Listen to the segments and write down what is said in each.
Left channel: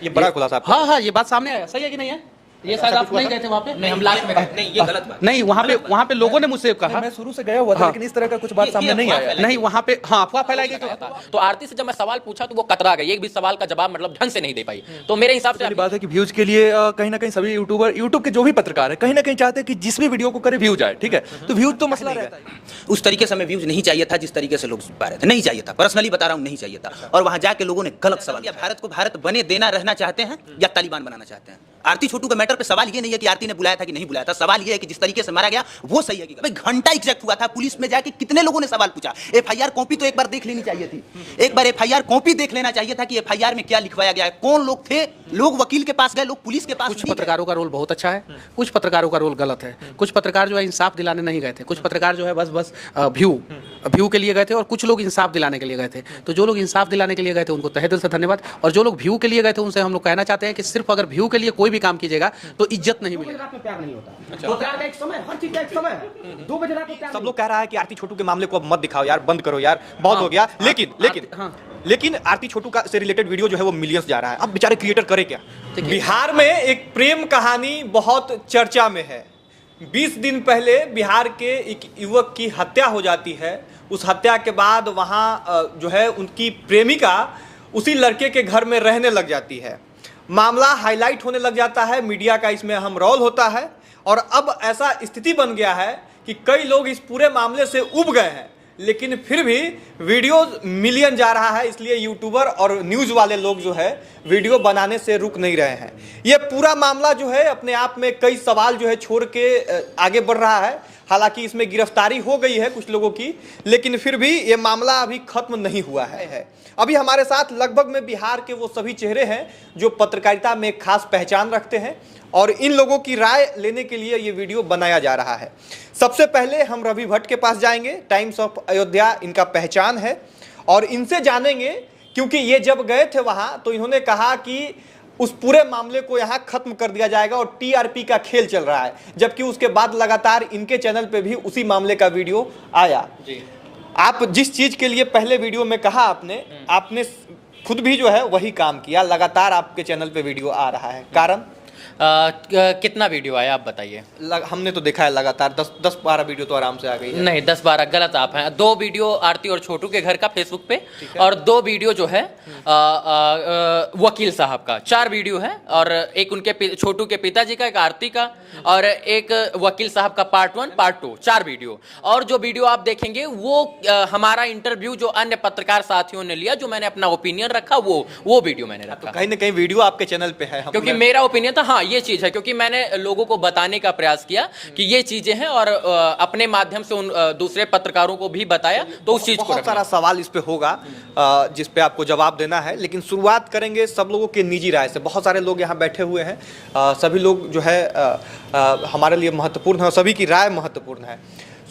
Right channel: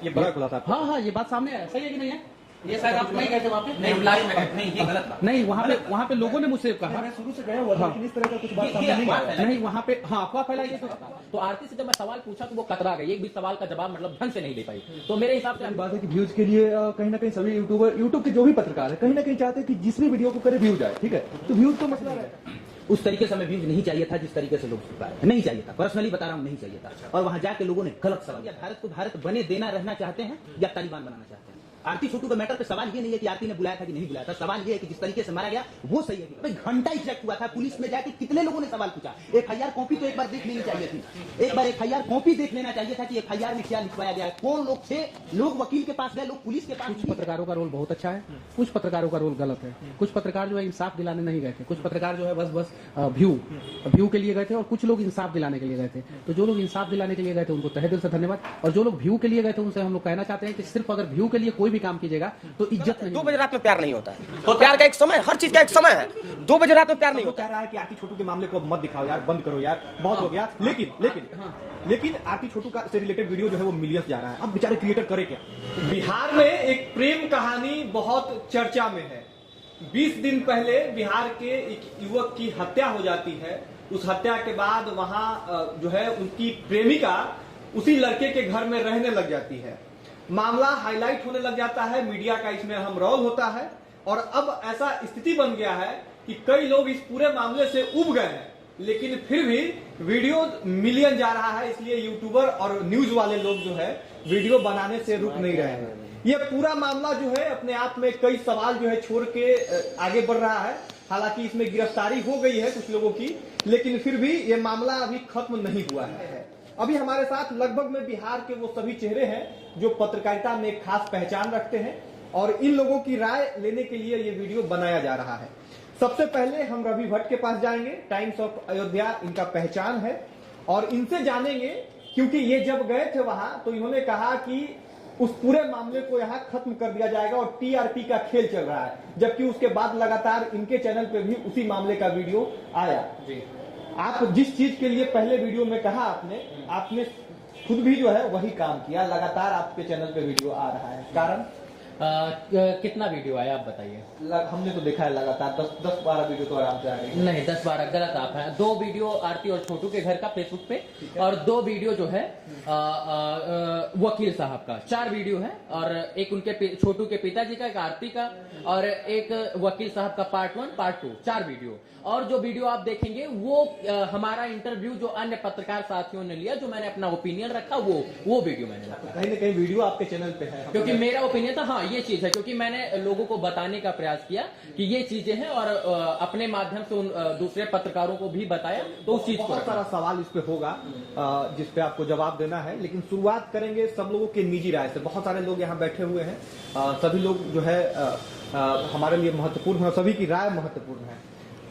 ये बड़ा खुलासा। हाँ हाँ, ये बात सामने आया, सही है कि नहीं है? ये शायद आप नहीं गए थे वहाँ पे? नहीं, हम लास्ट में गए। नहीं, ये गलत बात। नहीं, वहाँ पे लोगों ने मुझसे कहा। मैं शुरू से गया हुआ था, लेकिन इस तरह का कुछ बात सामने नहीं आया। नहीं, वहाँ पे हाँ अफवाह फैलाई गई। तो आरती से जब मैं सवाल पूछा तो वो कतरा गई, एक भी सवाल का जवाब मतलब ढंग से नहीं दे पाई। तो मेरे हिसाब से पहली बात है कि व्यूज के लिए कहीं ना कहीं सभी यूट्यूबर, यूट्यूब के जो भी पत्रकार है, कहीं ना कहीं चाहते हैं कि जिस भी वीडियो को करे व्यूज आए, ठीक है? तो व्यूज तो मसला रहता है। उस तरीके से हमें व्यूज नहीं चाहिए था जिस तरीके से लोग पा रहे थे, नहीं चाहिए था, पर्सनली बता रहा हूँ, नहीं चाहिए था। और वहां जाके लोगों ने गलत सवाल किया। भारत को भारत बने देना रहना चाहते हैं या तालिबान बनाना चाहते हैं? आरती छोटू का मैटर पे सवाल ये नहीं है कि आरती ने बुलाया था कि नहीं बुलाया था, सवाल ये है कि जिस तरीके से मारा गया वो सही है कि भाई घंटा एग्जैक्ट हुआ था, पुलिस में जाके कितने लोगों ने सवाल पूछा, एफआईआर कॉपी तो एक बार देख लेनी चाहिए थी, एक बार एफआईआर कॉपी देख लेना चाहिए था कि एफआईआर में क्या लिखवाया गया है, कौन लोग थे, लोग वकील के पास गए, लोग पुलिस के पास। कुछ पत्रकारों का रोल बहुत अच्छा है, कुछ पत्रकारों का रोल गलत है। कुछ पत्रकार जो है इंसाफ दिलाने नहीं गए थे, कुछ पत्रकार जो है बस व्यू के लिए गए थे, और कुछ लोग इंसाफ दिलाने के लिए गए थे। तो जो लोग इंसाफ दिलाने के लिए गए थे उनको तहे दिल से धन्यवाद, और जो लोग व्यू के लिए गए थे उनसे हम लोग कहना चाहते हैं कि सिर्फ अगर व्यू के लिए कोई भी काम कीजिएगा तो इज्जत नहीं। 2 बजे रात में प्यार नहीं होता है, तो प्यार का एक समय, हर चीज का एक समय है। 2 बजे रात में प्यार सब नहीं लोग कह रहा है कि आरती छोटू के मामले को अब मत दिखाओ यार, बंद करो यार, बहुत हो गया। लेकिन आरती छोटू का से रिलेटेड वीडियो जो है वो मिलियंस जा रहा है। अब बेचारे क्रिएटर करे क्या? बिहार में एक प्रेम कहानी बहुत चर्चा में है। 20 दिन पहले बिहार के एक युवक की हत्या हो जाती है। उस हत्या के बाद वहाँ जो है उनकी प्रेमिका उसी लड़के के घर में रहने लग जाती है। मामला हाईलाइट होने लग जाता है, मीडिया का इसमें अहम रोल होता है, और अब ऐसा स्थिति बन गया है कि कई लोग इस पूरे मामले से उब गए हैं, लेकिन फिर भी वीडियो मिलियन जा रहा है, इसलिए यूट्यूबर और न्यूज़ वाले लोग जो है वीडियो बनाने से रुक नहीं रहे हैं। ये पूरा मामला जो है अपने आप में कई सवाल जो है छोड़ के आगे बढ़ रहा है। हालांकि इसमें गिरफ्तारी हो गई है कुछ लोगों की, लेकिन फिर भी ये मामला अभी खत्म नहीं हुआ है। अभी हमारे साथ लगभग में बिहार के वो सभी चेहरे हैं जो पत्रकारिता में एक खास पहचान रखते हैं, और इन लोगों की राय लेने के लिए ये वीडियो बनाया जा रहा है। सबसे पहले हम रवि भट्ट के पास जाएंगे, टाइम्स ऑफ अयोध्या इनका पहचान है, और इनसे जानेंगे, क्योंकि ये जब गए थे वहाँ तो इन्होंने कहा कि उस पूरे मामले को यहाँ खत्म कर दिया जाएगा और टीआरपी का खेल चल रहा है, जबकि उसके बाद लगातार इनके चैनल पे भी उसी मामले का वीडियो आया। आप जिस चीज के लिए पहले वीडियो में कहा आपने खुद भी जो है वही काम किया, लगातार आपके चैनल पे वीडियो आ रहा है, कारण? कितना वीडियो आया आप बताइए? हमने तो देखा है लगातार 10-12 वीडियो तो आराम से आ गई है। नहीं, 10-12 गलत आप हैं। 2 वीडियो आरती और छोटू के घर का फेसबुक पे, और 2 वीडियो जो है वकील साहब का। 4 वीडियो है, और एक उनके छोटू के पिताजी का, एक आरती का, और एक वकील साहब का पार्ट 1 पार्ट 2, 4 वीडियो। और जो वीडियो आप देखेंगे वो हमारा इंटरव्यू जो अन्य पत्रकार साथियों ने लिया, जो मैंने अपना ओपिनियन रखा, वो वीडियो मैंने रखा। कहीं ना कहीं वीडियो आपके चैनल पे है, क्योंकि मेरा ओपिनियन था, हाँ ये चीज है, क्योंकि मैंने लोगों को बताने का प्रयास किया कि ये चीजें हैं, और अपने माध्यम से उन दूसरे पत्रकारों को भी बताया, तो उस चीज को बहुत सारा सवाल इस पे होगा जिस पे आपको जवाब देना है, लेकिन शुरुआत करेंगे सब लोगों के निजी राय से। बहुत सारे लोग यहाँ बैठे हुए हैं, सभी लोग जो है हमारे लिए महत्वपूर्ण है, सभी की राय महत्वपूर्ण है।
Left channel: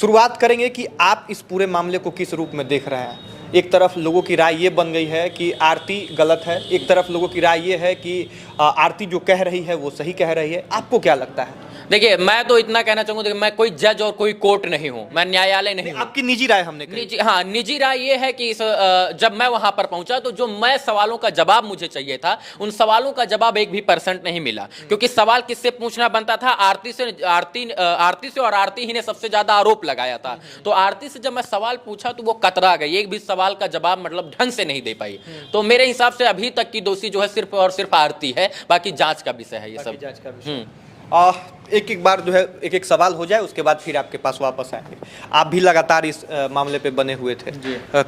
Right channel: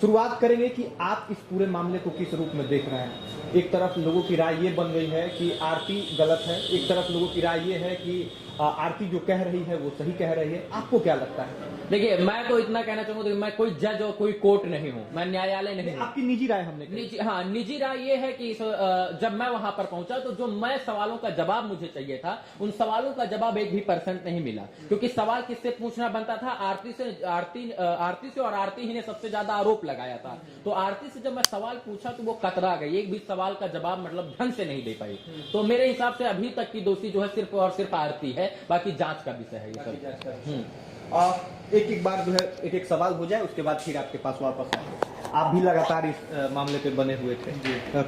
शुरुआत करेंगे कि आप इस पूरे मामले को किस रूप में देख रहे हैं। एक तरफ लोगों की राय ये बन गई है कि आरती गलत है, एक तरफ लोगों की राय ये है कि आरती जो कह रही है वो सही कह रही है। आपको क्या लगता है? देखिए, मैं तो इतना कहना चाहूंगा कि मैं कोई जज और कोई कोर्ट नहीं हूं, मैं न्यायालय नहीं हूं। आपकी निजी राय हमने कही। निजी राय ये है कि जब मैं वहां पर पहुंचा तो जो मैं सवालों का जवाब मुझे चाहिए था, उन सवालों का जवाब 1 भी % नहीं मिला। क्योंकि सवाल किससे पूछना बनता था? आरती से, और आरती ही ने सबसे ज्यादा आरोप लगाया था। तो आरती से जब मैं सवाल पूछा तो वो कतरा गई, 1 भी सवाल का जवाब मतलब ढंग से नहीं दे पाई। तो मेरे हिसाब से अभी तक की दोषी जो है सिर्फ और सिर्फ आरती है, बाकी जांच का विषय है ये सब। एक बार जो है एक सवाल हो जाए, उसके बाद फिर आपके पास वापस आएंगे। आप भी लगातार इस मामले पे बने हुए थे,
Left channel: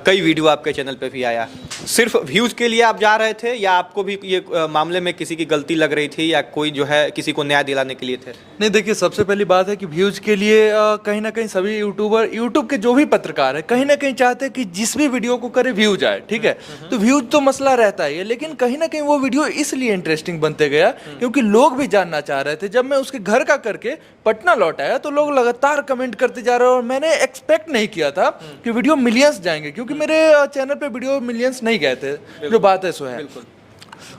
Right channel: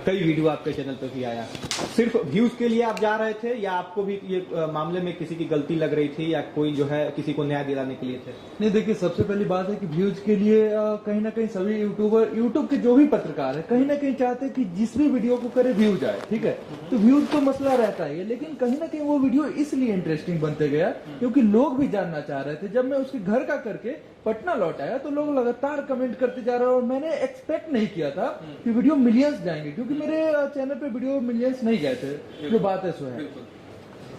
कई वीडियो आपके चैनल पे भी आया। सिर्फ व्यूज के लिए आप जा रहे थे, या आपको भी ये मामले में किसी की गलती लग रही थी, या कोई जो है किसी को न्याय दिलाने के लिए थे? नहीं, देखिए, सबसे पहली बात है कि व्यूज के लिए कहीं ना कहीं सभी यूट्यूबर, यूट्यूब के जो भी पत्रकार है, कहीं ना कहीं चाहते हैं कि जिस भी वीडियो को करे व्यूज आए, ठीक है? तो व्यूज तो मसला रहता है, लेकिन कहीं ना कहीं वो वीडियो इसलिए इंटरेस्टिंग बनते गया क्योंकि लोग भी जानना चाह रहे थे। जब मैं उसके घर का करके पटना लौट आया तो लोग लगातार कमेंट करते जा रहे हैं, और मैंने एक्सपेक्ट नहीं किया था कि वीडियो मिलियंस जाएंगे, क्योंकि मेरे चैनल पे वीडियो मिलियंस नहीं गए थे, जो बात है सो है।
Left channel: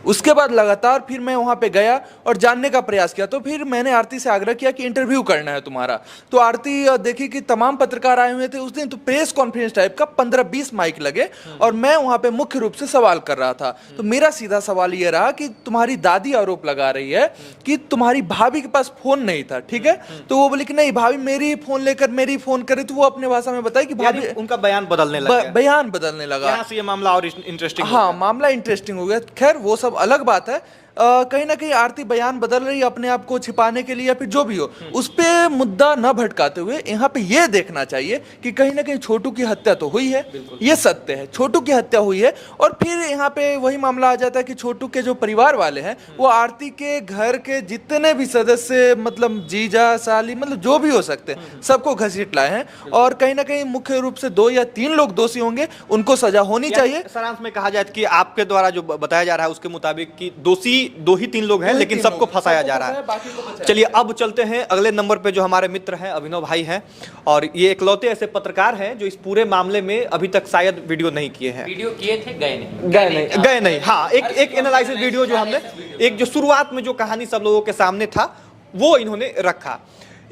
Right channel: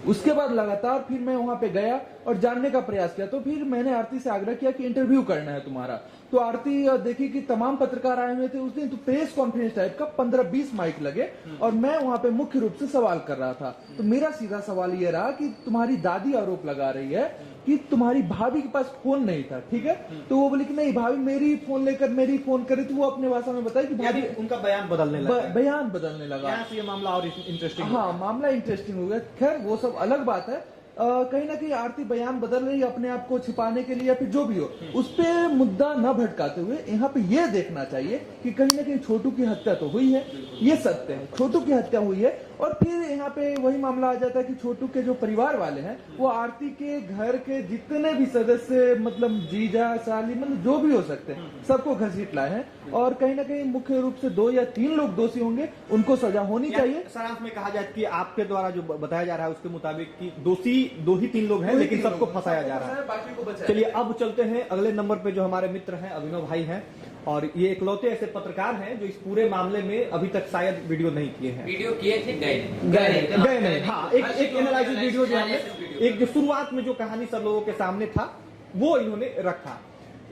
उसके बाद लगातार फिर मैं वहाँ पे गया और जानने का प्रयास किया। तो फिर मैंने आरती से आग्रह किया कि इंटरव्यू करना है तुम्हारा। तो आरती देखी कि तमाम पत्रकार आए हुए थे उस दिन, तो प्रेस कॉन्फ्रेंस टाइप का 15-20 माइक लगे और मैं वहां पे मुख्य रूप से सवाल कर रहा था। तो मेरा सीधा सवाल ये रहा कि तुम्हारी दादी आरोप लगा रही है कि तुम्हारी भाभी के पास फोन नहीं था, ठीक है। तो वो बोली कि नहीं, भाभी मेरी फोन लेकर मेरी फोन करे। तो वो अपने भाषा में बताया कि भाभी, उनका बयान बदलने लगा। बयान बदलने लगा। यहाँ से ये मामला और इंटरेस्टिंग। हाँ, मामला इंटरेस्टिंग हो गया। खैर वो सब अलग बात है। कहीं ना कहीं आरती बयान बदल रही है अपने आप को छिपाने के लिए या फिर जो भी हो, उस पे मुद्दा न भटकाते हुए यहाँ पे ये देखना चाहिए कि कहीं ना कहीं छोटू की हत्या तो हुई है, ये सत्य है, छोटू की हत्या हुई है। और फिर यहाँ पे वही मामला आ जाता है कि छोटू के जो परिवार वाले हैं वो आरती के घर के जितने भी सदस्य, मतलब जीजा साली, मतलब जो भी हो सकते हैं, सबको घसीट लाए हैं। और कहीं ना कहीं मुख्य रूप से 2 या 3 लोग दोषी होंगे, उनको सजा होनी चाहिए। सारांश में कहा जाए कि आपके द्वारा जो बताया जा रहा है उसके मुताबिक कि दोषी 2 ही 3 लोग हैं, लेकिन सबको फंसाया जा रहा है। चलिए अब चलते हैं अगले नंबर पे, जो हमारे मित्र हैं अभिनव भाई हैं, और ये इकलौते ऐसे पत्रकार हैं जो इस पूरे मामले में अभी तक शायद वीडियो नहीं किए हैं। वीडियो किए थे, गए नहीं। हाँ, एक एनालिसिस वीडियो जो हमने, एक जो शुरुआत में जो कहानी सब लोगों के सामने था वो इन्होंने रखा।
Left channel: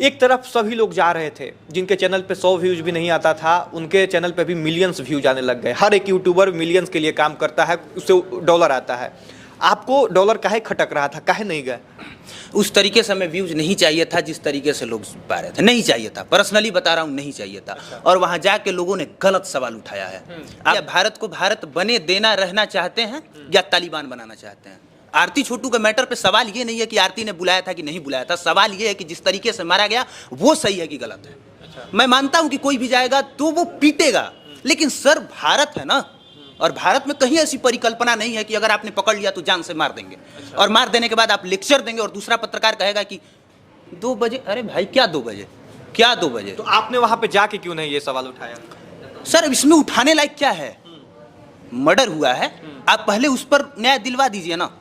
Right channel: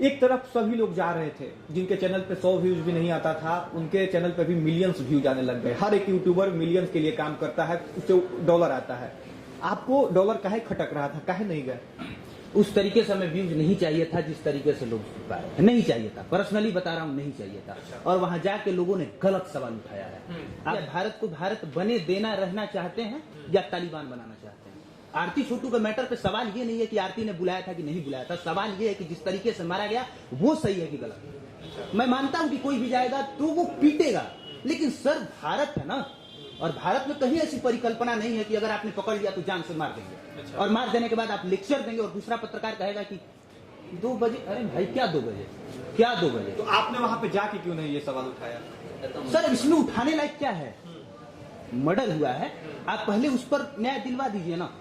एक तरफ सभी लोग जा रहे थे जिनके चैनल पे 100 व्यूज भी नहीं आता था, उनके चैनल पे भी मिलियंस व्यूज आने लग गए। हर एक यूट्यूबर मिलियंस के लिए काम करता है, उससे डॉलर आता है। आपको डॉलर काहे खटक रहा था, काहे नहीं गए? उस तरीके से हमें व्यूज नहीं चाहिए था जिस तरीके से लोग पा रहे थे, नहीं चाहिए था। पर्सनली बता रहा हूँ, नहीं चाहिए था। और वहां जाके लोगों ने गलत सवाल उठाया है। आप भारत को भारत बने देना रहना चाहते हैं या तालिबान बनाना चाहते हैं? आरती छोटू के मैटर पे सवाल ये नहीं है कि आरती ने बुलाया था कि नहीं बुलाया था, सवाल ये है कि जिस तरीके से मारा गया वो सही है कि गलत है। मैं मानता हूं कि कोई भी जाएगा तो वो पीटेगा, लेकिन सर भारत है ना, और भारत में कहीं ऐसी परिकल्पना नहीं है कि अगर आपने पकड़ लिया तो जान से मार देंगे। और मार देने के बाद आप लेक्चर देंगे और दूसरा पत्रकार कहेगा कि 2 बजे। अरे भाई क्या 2 बजे, क्या 2 बजे? तो आपने वहां पे जाके क्यों नहीं ये सवाल उठाया? सर इसमें उठाने लायक क्या है? मर्डर हुआ है, आप पहले उस पर न्याय दिलवा दीजिए ना।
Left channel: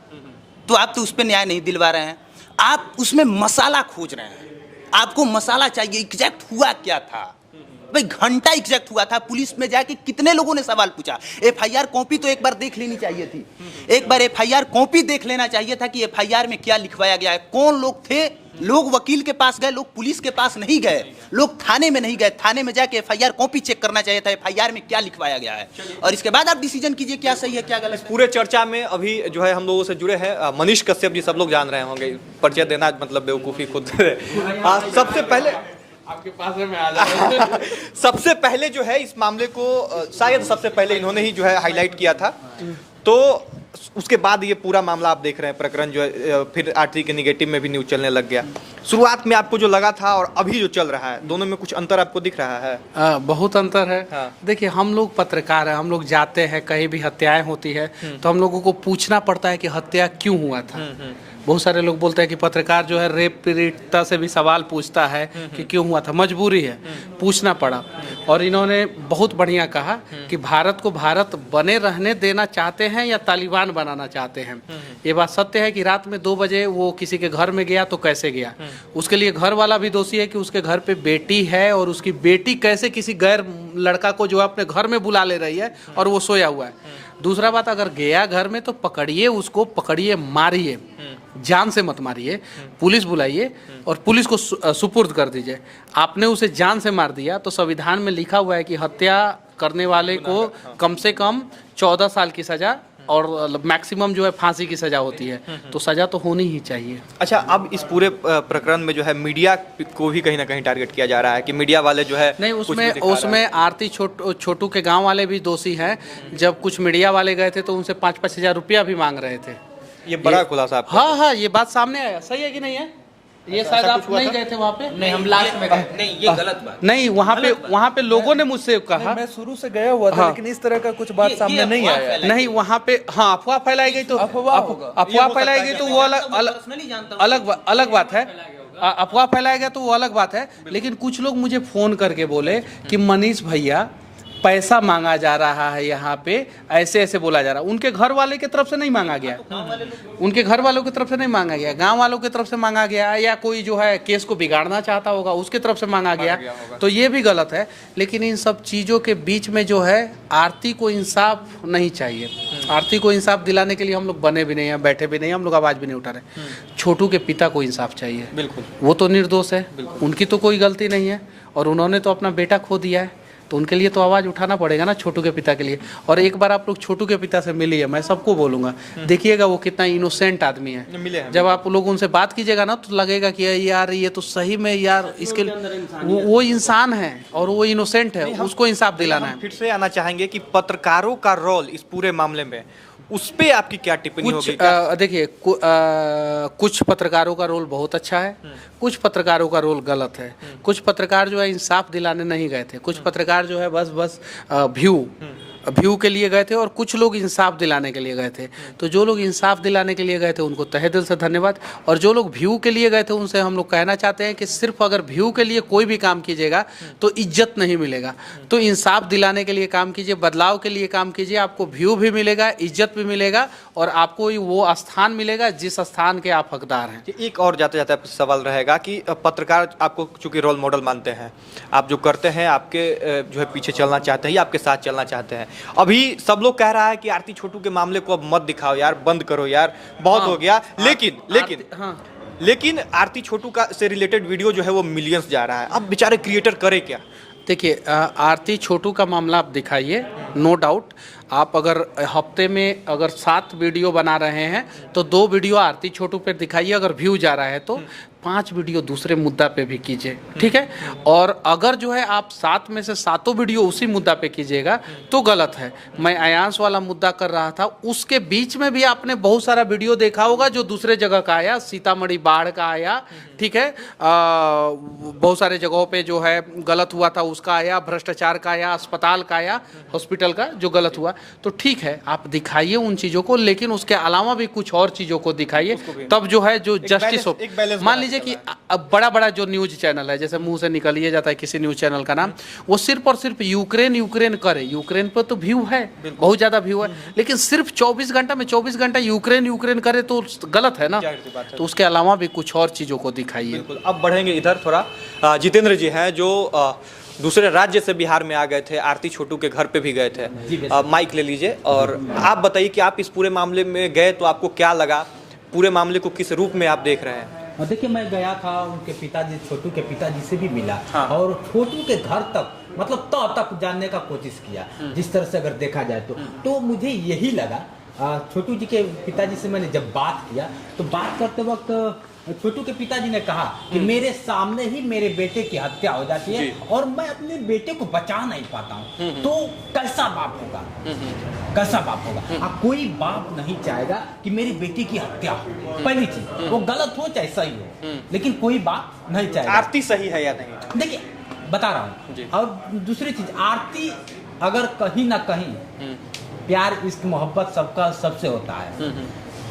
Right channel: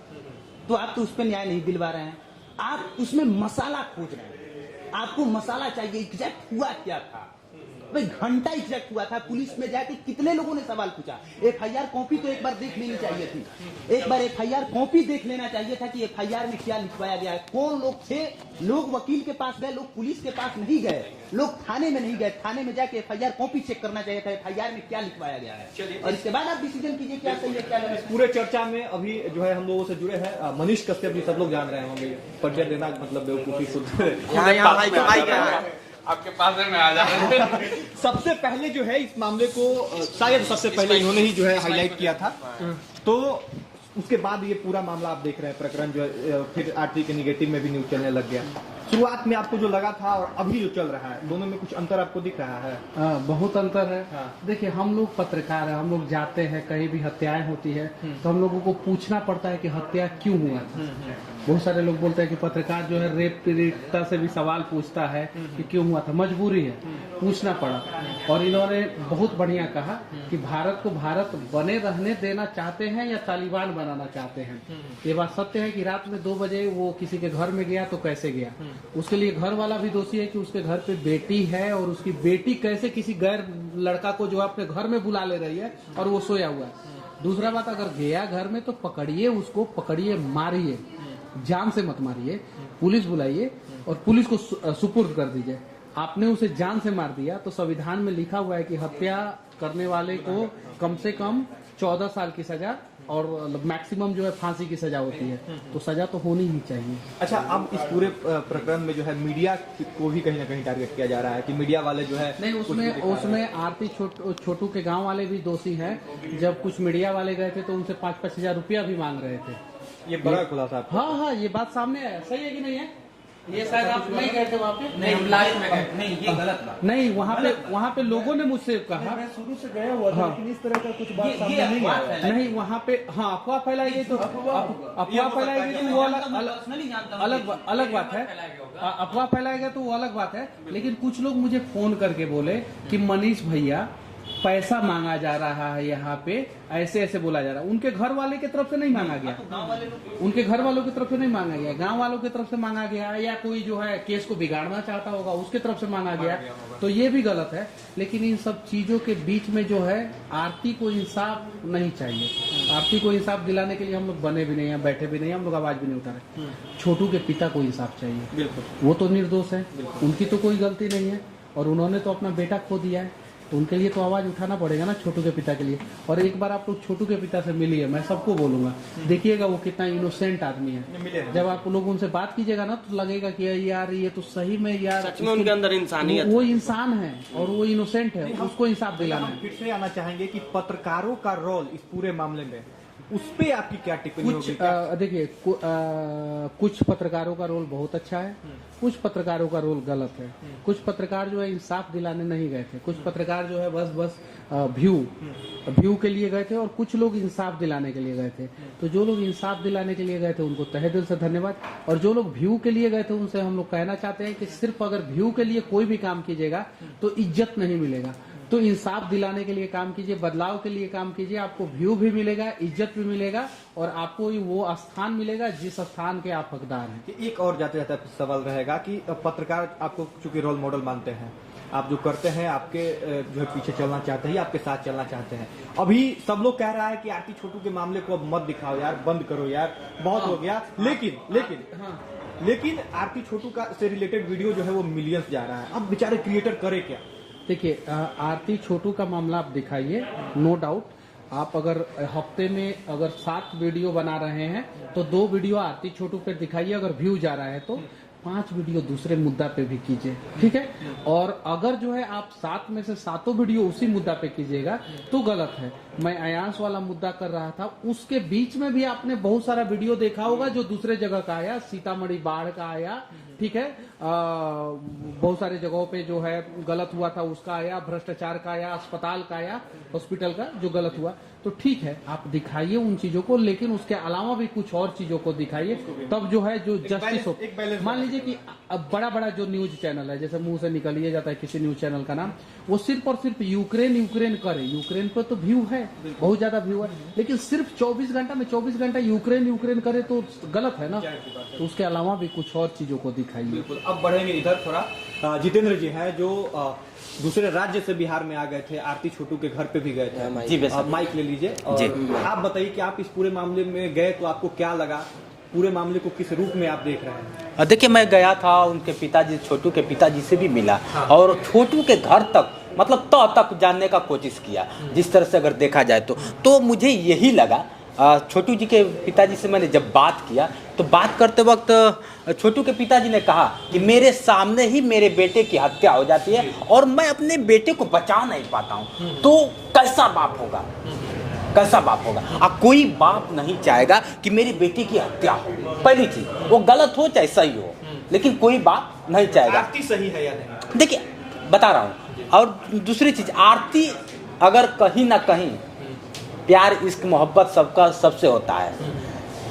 तो आप तो उस पर न्याय नहीं दिलवा रहे हैं, आप उसमें मसाला खोज रहे हैं। आपको मसाला चाहिए, एग्जैक्ट हुआ क्या था भाई? घंटा एग्जैक्ट हुआ था। पुलिस में जाके कितने लोगों ने सवाल पूछा? एफआईआर कॉपी तो एक बार देख लेनी चाहिए थी। एक बार एफआईआर कॉपी देख लेना चाहिए था कि एफआईआर में क्या लिखवाया गया है, कौन लोग थे। लोग वकील के पास गए, लोग पुलिस के पास नहीं गए, लोग थाने में नहीं गए। थाने में जाके एफआईआर कॉपी चेक करना चाहिए था, एफआईआर में क्या लिखवाया गया है, और इसके बाद आप डिसीजन कीजिए क्या सही है क्या गलत। पूरे चर्चा में अभी जो है हम लोगों से जुड़े हैं मनीष कश्यप जी, सब लोग जान रहे होंगे, परिचय देना मतलब बेवकूफ़ी खुद। सबसे पहले आपके पास में आ जाए। सबसे पहले जो है इस मामले को शायद सबसे पहले इन्होंने ही जो है हाईलाइट किया था। तो उसके बाद ये पूरा मामला आप देख रहे हैं, प्रकरण जो है फिर आरती के निगेटिव में भी न्यूज चलने लग गया। शुरुआत में आपको जो लगा था और अभी जो चल रहा है, दोनों में कुछ अंतर आपको दिख रहा है? बहुत अंतर है। हाँ। देखिए हम लोग पत्रकार हैं, हम लोग जाते हैं कहीं भी हत्याएं होती है तो हम लोगों को पूछना पड़ता है कि हत्या क्यों हुआ था। बहुत सारे लोग बोलते हैं कि पत्रकार जो है रेप पीड़िता से भी सवाल पूछता है कि क्यों हुआ था, मजबूरी है, पूछना पड़ा। और इन्होंने बहुत बढ़िया कहा कि भारत को भारत बने रहने देना चाहते हैं या तालिबान बनाना चाहते हैं। ये बात सत्य है कि रात में 2 बजे वो किसी के घर में गया तो कैसे गया, उसके लिए घर वाला भी दोषी है कि उसके घर पे बेटी है और उसकी बेटी कैसे किसी गैर लड़का को जो है अपने घर में बुला ले रही है और वो सोया हुआ है। दूसरा बात, अगर गया घर में तो पकड़िए उसको, पकड़िए मारिए, जान से मत मारिए, पुलिस बुलाइए और पुलिस को सुपुर्द कर दीजिए। आपने उसे जान से मार दिया तो संविधान में लिखा हुआ है कि हत्या करने वाले को कम से कम 14 साल की सजा और मैक्सिमम जो है फांसी की सजा होती है, तो सजा तो होनी ही चाहिए। अच्छा, अब इस पूरे प्रकरण में जो है मीडिया को भी कहीं ना कहीं टारगेट किया जा रहा है कि मीडिया वाले जो है नहीं, उसमें आरती छोटू के गांव वाले भी दोषी हैं। जब कुछ मीडिया वाले गए थे तो उनसे 5-5 हज़ार रुपया भी मांग रहे थे। ये बड़ा खुलासा आपका। हाँ, ये बात सामने आया। सही है कि नहीं है? ये शायद आप नहीं गए थे वहाँ पे। नहीं, हम लास्ट में गए। नहीं, ये गलत बात। नहीं, वहाँ पे लोगों ने मुझसे कहा। मैं शुरू से गया हुआ था, लेकिन इस तरह का कुछ बात सामने नहीं आया। नहीं, वहाँ पे हाँ अफवाह फैलाई गई तो अफवाह फैलाई गई तो वो अलग बात है। अफवाह फैलाया गया तो वो अलग बात है। लेकिन कुछ लोग मुझे फोन करके बोले कि मनीष भैया पैसा मांगा जा रहा है यहाँ पे, ऐसे ऐसे बोला जा रहा है। उनके घर वाले की तरफ से नहीं मांगा गया, उनके घर वालों की तरफ से नहीं मांगा गया, गांव वालों की तरफ से मांगा गया, या कोई जो है केस को बिगाड़ना चाहता होगा उसके तरफ से मांगा गया, तो ये भी गलत है। लेकिन इन सब चीज़ों के बीच में जो है आरती को इंसाफ नहीं चाहिए। आरती को इंसाफ दिलाने के लिए हम लोग बने भी नहीं हैं, बैठे भी नहीं हैं, हम लोग आवाज़ भी नहीं उठा रहे। छोटू के पिता को इंसाफ चाहिए। बिल्कुल। वो तो निर्दोष है, उनकी तो कोई गलती नहीं है और उन्होंने तो अपना बेटा खो दिया है, तो उनके लिए तो आवाज़ उठाना पड़ेगा ना, छोटू के पिता के लिए। और एक बार आप लोग छोटू के पिता से मिलिए, मैं सबको बोलूँगा, देखिएगा वो कितना इनोसेंट आदमी मिले है। हैं। जब आप लोग उनसे बात कीजिएगा ना तो लगेगा कि यार ये तो सही में यार इसके अंदर इंसानियत वो इंसान है और वो इनोसेंट है, उसको इंसाफ दिलाना है। फिर से आना चाहेंगे कि पत्रकारों का रोल इस पूरे मामले में, उस पे आपकी क्या टिप्पणी कुछ होगी? देखिए कुछ पत्रकारों का रोल बहुत अच्छा है, कुछ पत्रकारों का रोल गलत है। कुछ पत्रकार जो है इंसाफ दिलाने नहीं गए थे, कुछ पत्रकार जो है बस व्यू के लिए गए थे और कुछ लोग इंसाफ दिलाने के लिए गए थे। तो जो लोग इंसाफ दिलाने के लिए गए थे उनको तहे दिल से धन्यवाद, और जो लोग व्यू के लिए गए थे उनसे हम लोग कहना चाहते हैं कि सिर्फ अगर व्यू के लिए कोई भी काम कीजिएगा तो इज्जत नहीं मिलेगा। तो इंसाफ दिलाने के लिए काम कीजिए, बदलाव के लिए काम कीजिए, आपको व्यू भी मिलेगा, इज्जत भी मिलेगा और आपको वो स्थान मिलेगा जिस स्थान के आप हकदार हैं। एक और जाते जाते आपसे सवाल रहेगा कि पत्रकार आपको चूंकि रोल मॉडल मानते हैं, आप जो करते हैं आपके जो है पीछे चलना चाहते हैं या आपके साथ चलना चाहते हैं। अभी सब लोग कह रहा है कि आरती छोटू के मामले को अब मत दिखाओ यार, बंद करो यार, बहुत हो गया। लेकिन आरती छोटू का से रिलेटेड वीडियो जो है वो मिलियंस जा रहा है। अब बेचारे क्रिएटर करे क्या? देखिए आरती छोटू का मामला आप दिखाइए, नो डाउट। आप अगर हफ्ते में अगर 7 वीडियो बना रहे हैं तो 2 वीडियो आरती छोटू पे दिखाइए, अगर व्यू जा रहा है तो 5 वीडियो दूसरे मुद्दा पे भी कीजिए, ठीक है। और अगर जो है आप 7 में से 7 वीडियो उसी मुद्दा पे कीजिएगा तो गलत है। मैं अयांश वाला मुद्दा कर रहा था, उसके बीच में भी आपने बहुत सारा वीडियो देखा होगा जो दूसरे जगह का आया, सीतामढ़ी बाढ़ का आया, ठीक है, बहुत सारे जगहों पे जो है गलत हुआ था उसका आया, भ्रष्टाचार का आया, अस्पताल का आया, हॉस्पिटल का जो गलत हुआ। तो ठीक है आप दिखाइए उन चीज़ों को, लेकिन उसके अलावा भी कुछ और चीज़ों को दिखाइए, तब जो है जो जस्टिस हो। मान लीजिए कि अब बड़ा बड़ा जो न्यूज़ चैनल है, जैसे मुंह से निकल ही जाता है किसी न्यूज़ चैनल का नाम, वो सिर्फ और सिर्फ यूक्रेन करे। यूक्रेन पर तो व्यू है, बहुत ज़्यादा व्यू है, लेकिन सिर्फ 24 घंटा में 24 घंटा यूक्रेन करे तो गलत है ना। तो उसके अलावा भी कुछ और चीज़ों को दिखाइए। बिल्कुल। अब बढ़ेंगे इधर थोड़ा। जितेंद्र जी हैं जो दूसरे राज्य से बिहार में आ गए थे, आरती छोटू के घर पे भी गए थे। माइक ले लीजिए और आप बताइए कि आप इस पूरे मामले में गए तो आपको क्या लगा, पूरे मामले को किस रूप में आप देख रहे हैं? देखिए मैं गया था, उनके पिताजी, छोटू के पिताजी से भी मिला। हाँ। और छोटू के घर तक मतलब तक जानने का कोशिश किया। जिस तरह से अगर देखा जाए तो मुझे यही लगा, छोटू जी के पिताजी से मैंने जब बात किया तो बात करते वक्त छोटू के पिताजी ने कहा कि मेरे सामने ही मेरे बेटे की हत्या हो जाती है और मैं अपने बेटे को बचा नहीं पाता हूँ, तो कैसा बाप होगा, कैसा बाप होगा। कोई बाप नहीं चाहेगा कि मेरी बेटी की हत्या हो। पहली चीज वो गलत हो चाहे सही हो, लेकिन कोई बाप नहीं चाहेगा। आरती सही है या नहीं? देखिए बता रहा हूँ। और दूसरी चीज, आरती अगर कहीं ना कहीं प्यार इश्क मोहब्बत सबका सबसे होता है,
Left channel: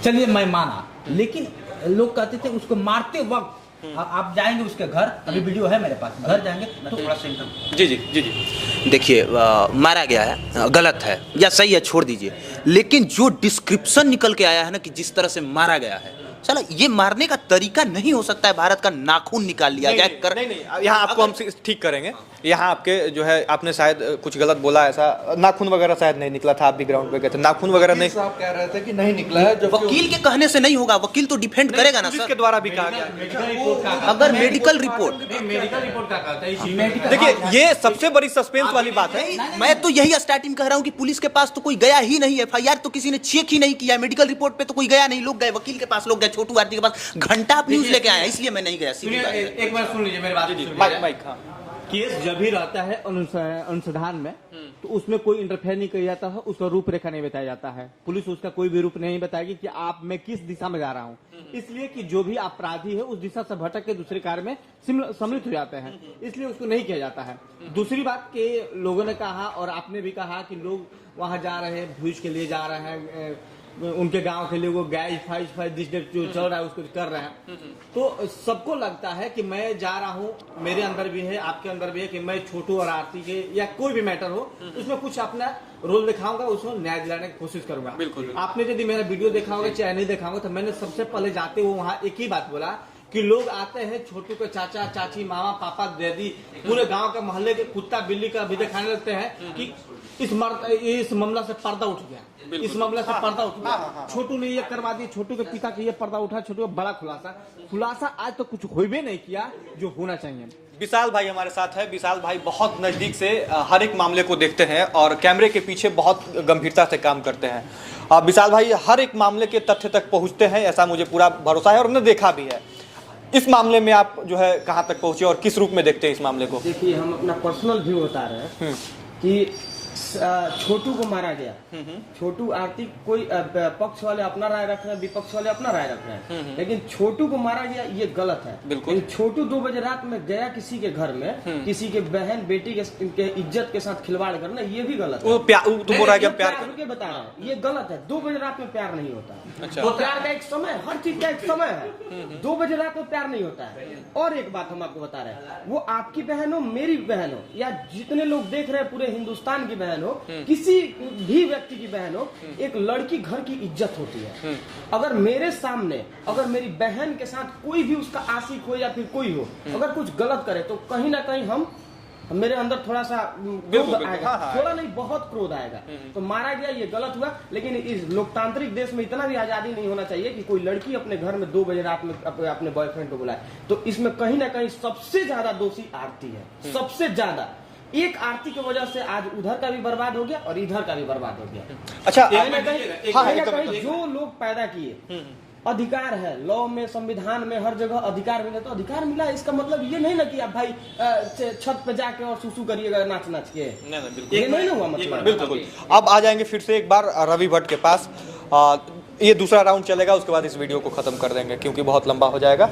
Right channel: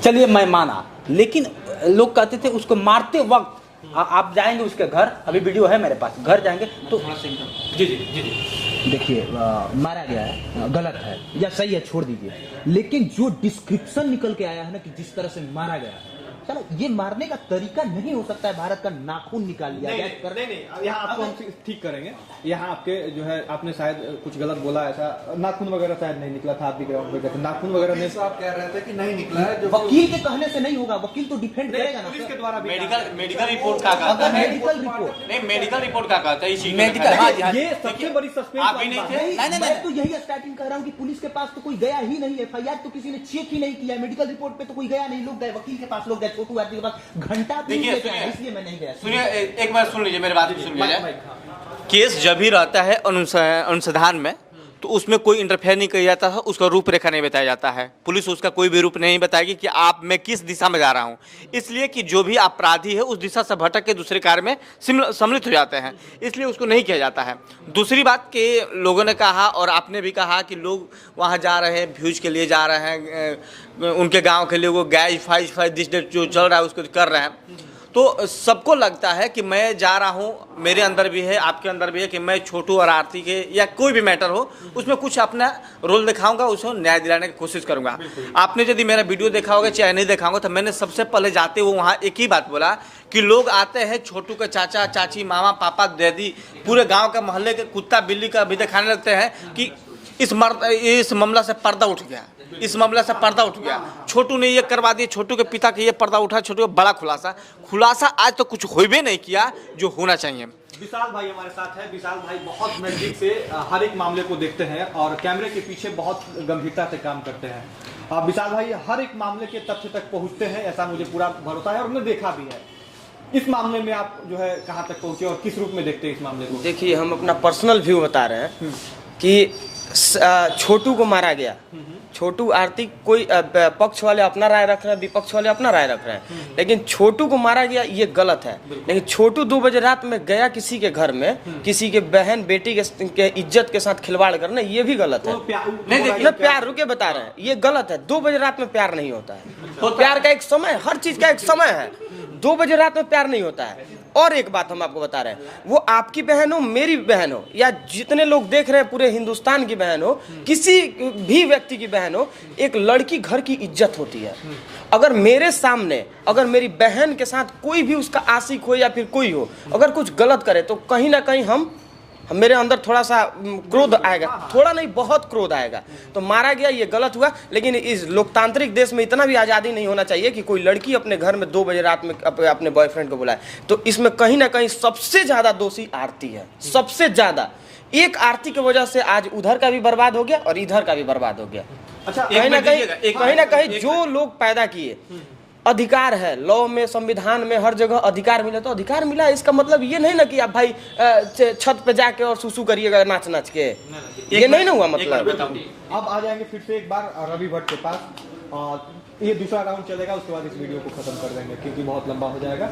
चलिए मैं माना, लेकिन लोग कहते थे उसको मारते वक्त आप जाएंगे उसके घर, अभी वीडियो है मेरे पास, घर जाएंगे तो जी देखिए मारा गया है, गलत है या सही है छोड़ दीजिए, लेकिन जो डिस्क्रिप्शन निकल के आया है ना कि जिस तरह से मारा गया है, चलो ये मारने का तरीका नहीं हो सकता है भारत का नाखून निकाल लिया गया। नहीं, यहाँ आपको हम ठीक करेंगे। यहाँ आपके जो है आपने शायद कुछ गलत बोला, ऐसा नाखून वगैरह शायद नहीं निकला था, आप भी ग्राउंड पे गए थे, नाखून वगैरह नहीं। आप कह रहे थे कि नहीं निकला है, वकील के कहने से नहीं होगा, वकील तो डिफेंड करेगा ना सर। के द्वारा भी कहा गया। मेडिकल रिपोर्ट का अगर मेडिकल रिपोर्ट का कहता है, देखिए ये सबसे बड़ी सस्पेंस वाली बात है। मैं तो यही स्टार्टिंग कह रहा हूँ कि पुलिस के पास तो कोई गया ही नहीं, एफआईआर तो किसी ने चेक ही नहीं किया, मेडिकल रिपोर्ट पे तो कोई गया नहीं, लोग गए वकील के पास, लोग गए छोटू आरती के पास, घंटा न्यूज लेके आया, इसलिए मैं नहीं गया। एक बार सुन लीजिए मेरी बात। केस जब भी रहता है अनुसंधान में तो उसमें कोई इंटरफेयर नहीं किया जाता है, उसका रूपरेखा नहीं बताया जाता है, पुलिस उसका कोई भी रूप नहीं बताएगी कि आप मैं किस दिशा में जा रहा हूं, इसलिए कि जो भी अपराधी है उस दिशा से भटक के दूसरे कार्य में सम्मिलित हो जाते हैं, इसलिए उसको नहीं किया जाता है। दूसरी बात कि लोगों ने कहा और आपने भी कहा कि लोग वहाँ जा रहे हैं, व्यूज के लिए जा रहे हैं, उनके गाँव के लिए वो गैज फाइज जो चल रहा है उसको कर रहे हैं, तो सबको लगता है कि मैं जा रहा हूँ, मेरे अंदर भी है, आपके अंदर भी है कि मैं छोटू और आरती के या कोई भी मैटर हो उसमें कुछ अपना रोल दिखाऊंगा, उसको न्याय दिलाने की कोशिश करूंगा। आपने यदि मेरा वीडियो देखा होगा चाहे नहीं देखा होगा, तो मैंने सबसे पहले जाते हुए वहाँ एक ही बात बोला कि लोग आते हैं, छोटू के चाचा चाची मामा पापा दादी पूरे गाँव का मोहल्ले के कुत्ता बिल्ली का भी दिखाने लगते हैं कि इस मामला से पर्दा उठ गया, इस मामला से पर्दा उठ गया। छोटू ने ये करवा दिया, छोटू के पिता का ये पर्दा उठा, छोटू का बड़ा खुलासा आज तो कुछ होबे नहीं किया जो होना चाहिए। विशाल भाई हमारे साथ है। विशाल भाई बहुत नज़दीक से हर एक मामले को देखते हैं और कैमरे के पीछे बहुत गंभीरता से काम करते हैं। विशाल भाई हर एक मामले के तथ्य तक पहुंचते हैं, ऐसा मुझे पूरा भरोसा है और हमने देखा भी है। इस मामले में आप जो है कहाँ तक पहुंचे और किस रूप में देखते हैं इस मामले को? देखिए, हम अपना पर्सनल व्यू बता रहे हैं कि छोटू को मारा गया। छोटू आरती कोई पक्ष वाले अपना राय रख रहे हैं, विपक्ष वाले अपना राय रख रहे हैं, लेकिन छोटू को मारा गया ये गलत है। लेकिन छोटू 2 बजे रात में गया किसी के घर में, किसी के बहन बेटी के इज्जत के साथ खिलवाड़ करना, ये भी गलत है। प्यार रुके बता रहे हैं, ये गलत है। 2 बजे रात में प्यार नहीं होता है। तो प्यार का एक समय, हर चीज का एक समय है। 2 बजे रात में प्यार नहीं होता है। और एक बात हम आपको बता रहे हैं, वो आपकी बहन हो, मेरी बहन हो, या जितने लोग देख रहे हैं पूरे हिंदुस्तान की बहन हो, किसी भी व्यक्ति की बहन हो, एक लड़की घर की इज्जत होती है। अगर मेरे सामने, अगर मेरी बहन के साथ कोई भी उसका आशिक हो या फिर कोई हो, अगर कुछ गलत करे तो कहीं ना कहीं मेरे अंदर थोड़ा सा क्रोध आएगा, थोड़ा नहीं बहुत क्रोध आएगा। तो मारा गया, ये गलत हुआ। लेकिन इस लोकतांत्रिक देश में इतना भी आज़ादी नहीं होना चाहिए कि कोई लड़की अपने घर में 2 बजे रात में अपने बॉयफ्रेंड को बुलाए। तो इसमें कहीं ना कहीं सबसे ज़्यादा दोषी आरती है, सबसे ज़्यादा। एक आरती की वजह से आज उधर का भी बर्बाद हो गया और इधर का भी बर्बाद हो गया। अच्छा, कहीं ना कहीं जो लोग पैदा किए, अधिकार है, लॉ में, संविधान में, हर जगह अधिकार मिला, तो अधिकार मिला। इसका मतलब ये नहीं ना कि आप भाई छत पे जाके और सुसु करिएगा नाच नाच के, ये नहीं ना हुआ मतलब। अब आ जाएंगे फिर से एक बार रवि भट्ट के पास। ये दूसरा राउंड चलेगा, उसके बाद इस वीडियो को खत्म कर देंगे क्योंकि बहुत लंबा हो जाएगा।